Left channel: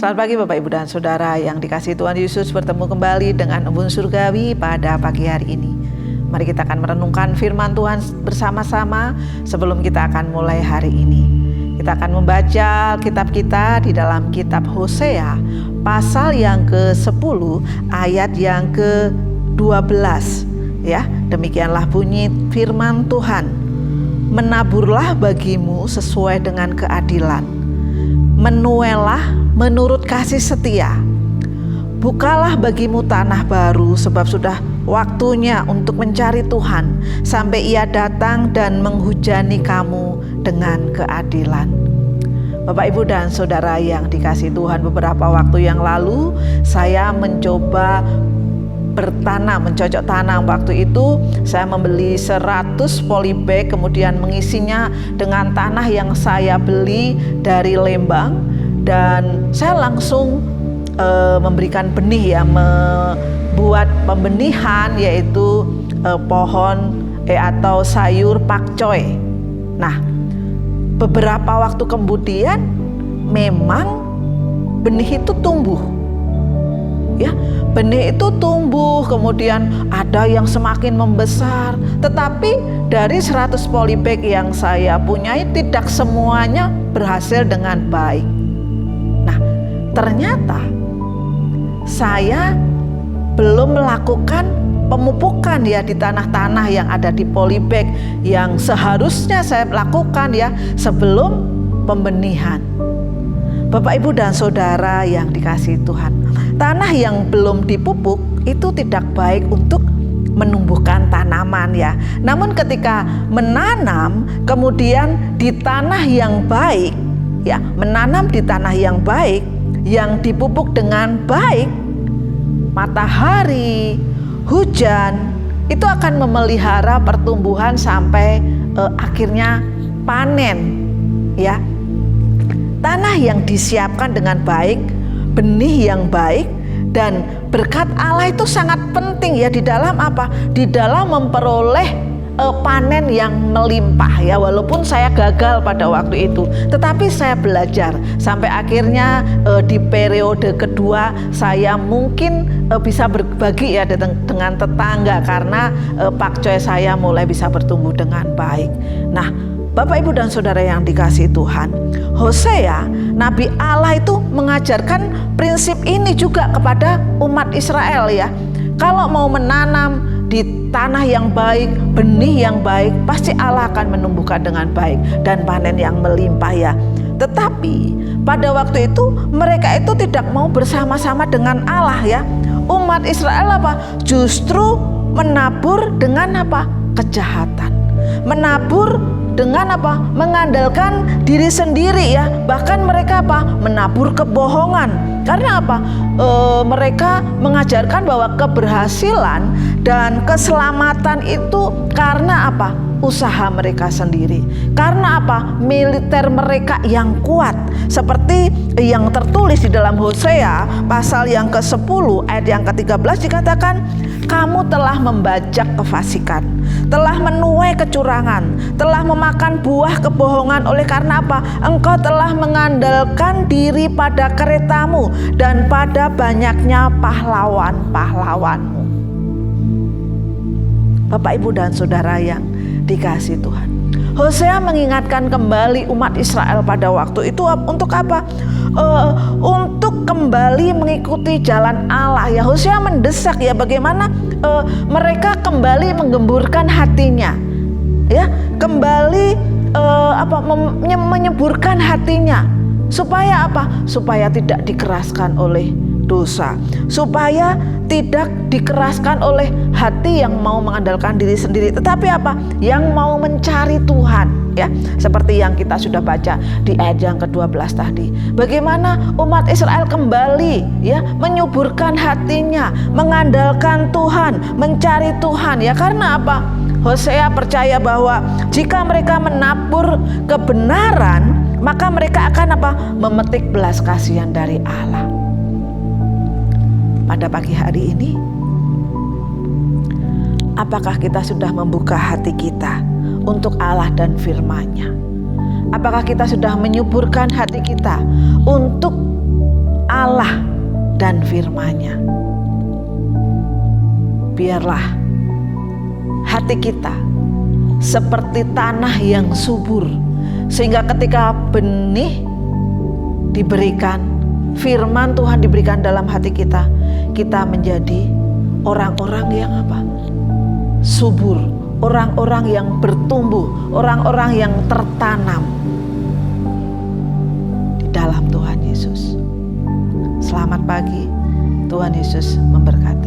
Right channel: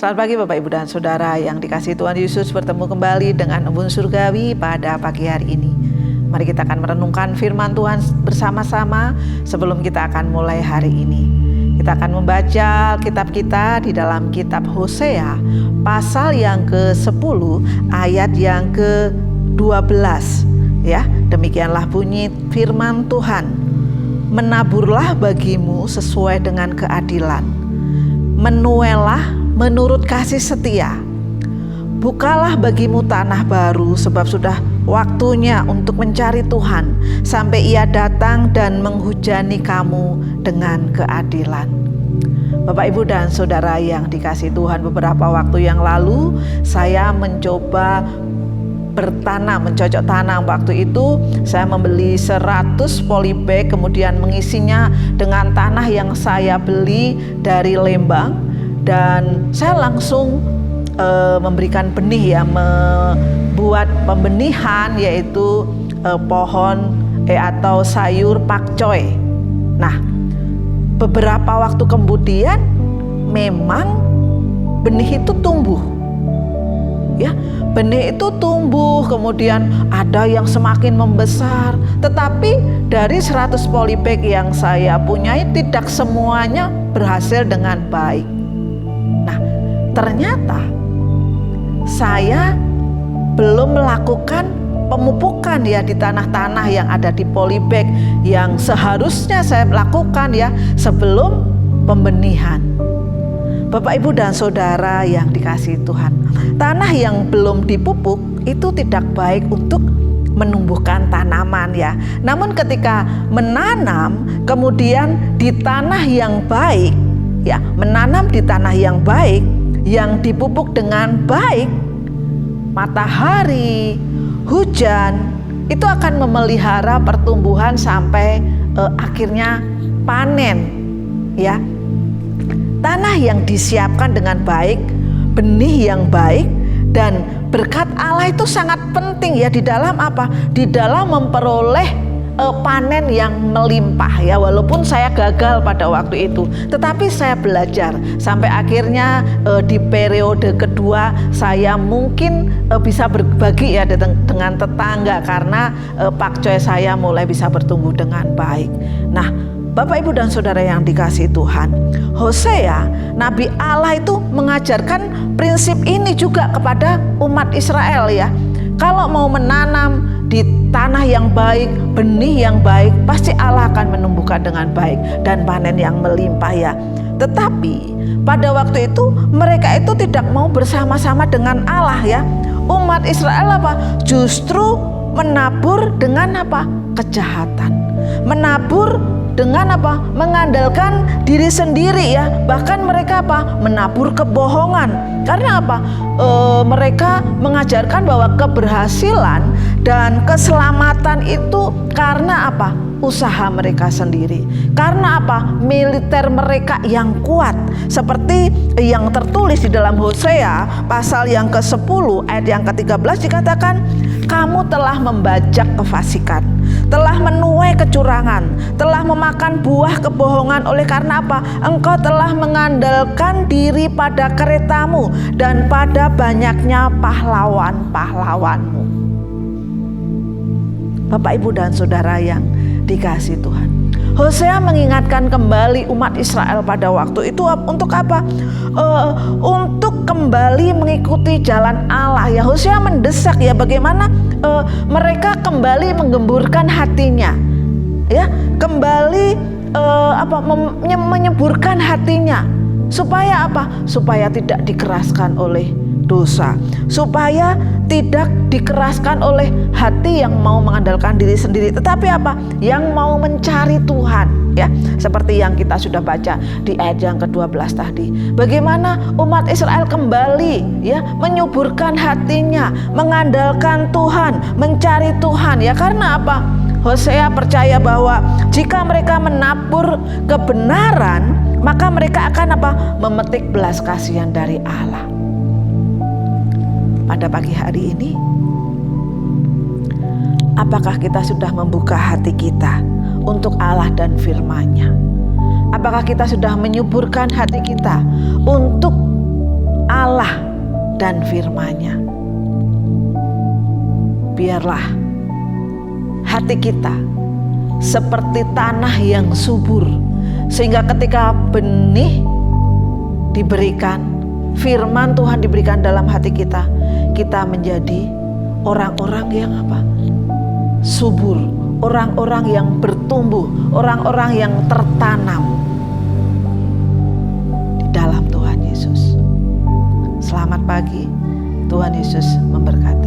Selamat pagi Bapak Ibu dan Saudara yang dikasihi Tuhan Yesus, bertemu kembali dengan Embun Surgawi pada pagi hari ini. Mari kita akan merenungkan firman Tuhan bersama-sama sebelum kita akan mulai hari ini. Kita akan membaca kitab kita di dalam kitab Hosea pasal yang ke-10 ayat yang ke-12. Ya, demikianlah bunyi firman Tuhan. Menaburlah bagimu sesuai dengan keadilan. Menuailah menurut kasih setia. Bukalah bagimu tanah baru, sebab sudah waktunya untuk mencari Tuhan sampai Ia datang dan menghujani kamu dengan keadilan. Bapak, Ibu, dan Saudara yang dikasihi Tuhan, beberapa waktu yang lalu saya mencoba bertanam, mencocok tanam. Waktu itu saya membeli 100 polybag, kemudian mengisinya dengan tanah yang saya beli dari Lembang. Dan saya langsung memberikan benih, ya, membuat pembenihan, yaitu pohon atau sayur pakcoy. Nah, beberapa waktu kemudian memang benih itu tumbuh. Ya, benih itu tumbuh, kemudian ada yang semakin membesar. Tetapi dari 100 polybag yang saya punyai, tidak semuanya berhasil dengan baik. Nah, ternyata saya belum melakukan pemupukan, ya, di tanah-tanah yang ada di polybag yang seharusnya saya lakukan, ya, sebelum pembenihan. Bapak, Ibu, dan Saudara yang dikasihi Tuhan, tanah yang belum dipupuk itu tidak baik untuk menumbuhkan tanaman, ya. Namun ketika menanam kemudian di tanah yang baik, ya, menanam di tanah yang baik, yang dipupuk dengan baik, matahari, hujan, itu akan memelihara pertumbuhan sampai akhirnya panen, ya. Tanah yang disiapkan dengan baik, benih yang baik, dan berkat Allah itu sangat penting, ya, di dalam apa? Di dalam memperoleh panen yang melimpah, ya. Walaupun saya gagal pada waktu itu, tetapi saya belajar sampai akhirnya di periode kedua saya mungkin bisa berbagi, ya, dengan tetangga karena pakcoy saya mulai bisa bertumbuh dengan baik. Nah, Bapak, Ibu, dan Saudara yang dikasihi Tuhan, Hosea, Nabi Allah itu mengajarkan prinsip ini juga kepada umat Israel, ya. Kalau mau menanam di tanah yang baik, benih yang baik, pasti Allah akan menumbuhkan dengan baik dan panen yang melimpah, ya. Tetapi pada waktu itu mereka itu tidak mau bersama-sama dengan Allah, ya. Umat Israel apa? Justru menabur dengan apa? Kejahatan. Menabur dengan apa? Mengandalkan diri sendiri, ya. Bahkan mereka apa? Menabur kebohongan. Karena apa? Mereka mengajarkan bahwa keberhasilan dan keselamatan itu karena apa? Usaha mereka sendiri. Karena apa? Militer mereka yang kuat. Seperti yang tertulis di dalam Hosea pasal yang ke-10 ayat yang ke-13 dikatakan, kamu telah membajak kefasikan, telah menuai kecurangan, telah memakan buah kebohongan. Oleh karena apa? Engkau telah mengandalkan diri pada keretamu dan pada banyaknya pahlawan-pahlawanmu. Bapak, Ibu, dan Saudara yang dikasihi Tuhan, Hosea mengingatkan kembali umat Israel pada waktu itu untuk apa? Untuk kembali mengikuti jalan Allah, ya. Hosea mendesak, ya, bagaimana mereka kembali menggemburkan hatinya, ya, kembali menyemburkan hatinya, supaya apa? Supaya tidak dikeraskan oleh dosa, supaya tidak dikeraskan oleh hati yang mau mengandalkan diri sendiri, tetapi apa? Yang mau mencari Tuhan, ya. Seperti yang kita sudah baca di ayat yang ke-12 tadi. Bagaimana umat Israel kembali, ya, menyuburkan hatinya, mengandalkan Tuhan, mencari Tuhan, ya. Karena apa? Hosea percaya bahwa jika mereka menabur kebenaran, maka mereka akan apa? Memetik belas kasihan dari Allah. Pada pagi hari ini, apakah kita sudah membuka hati kita untuk Allah dan firman-Nya? Apakah kita sudah menyuburkan hati kita untuk Allah dan firman-Nya. Biarlah hati kita seperti tanah yang subur, sehingga ketika benih diberikan, firman Tuhan diberikan dalam hati kita, kita menjadi orang-orang yang subur, orang-orang yang bertumbuh, orang-orang yang tertanam di dalam Tuhan Yesus. Selamat pagi, Tuhan Yesus memberkati.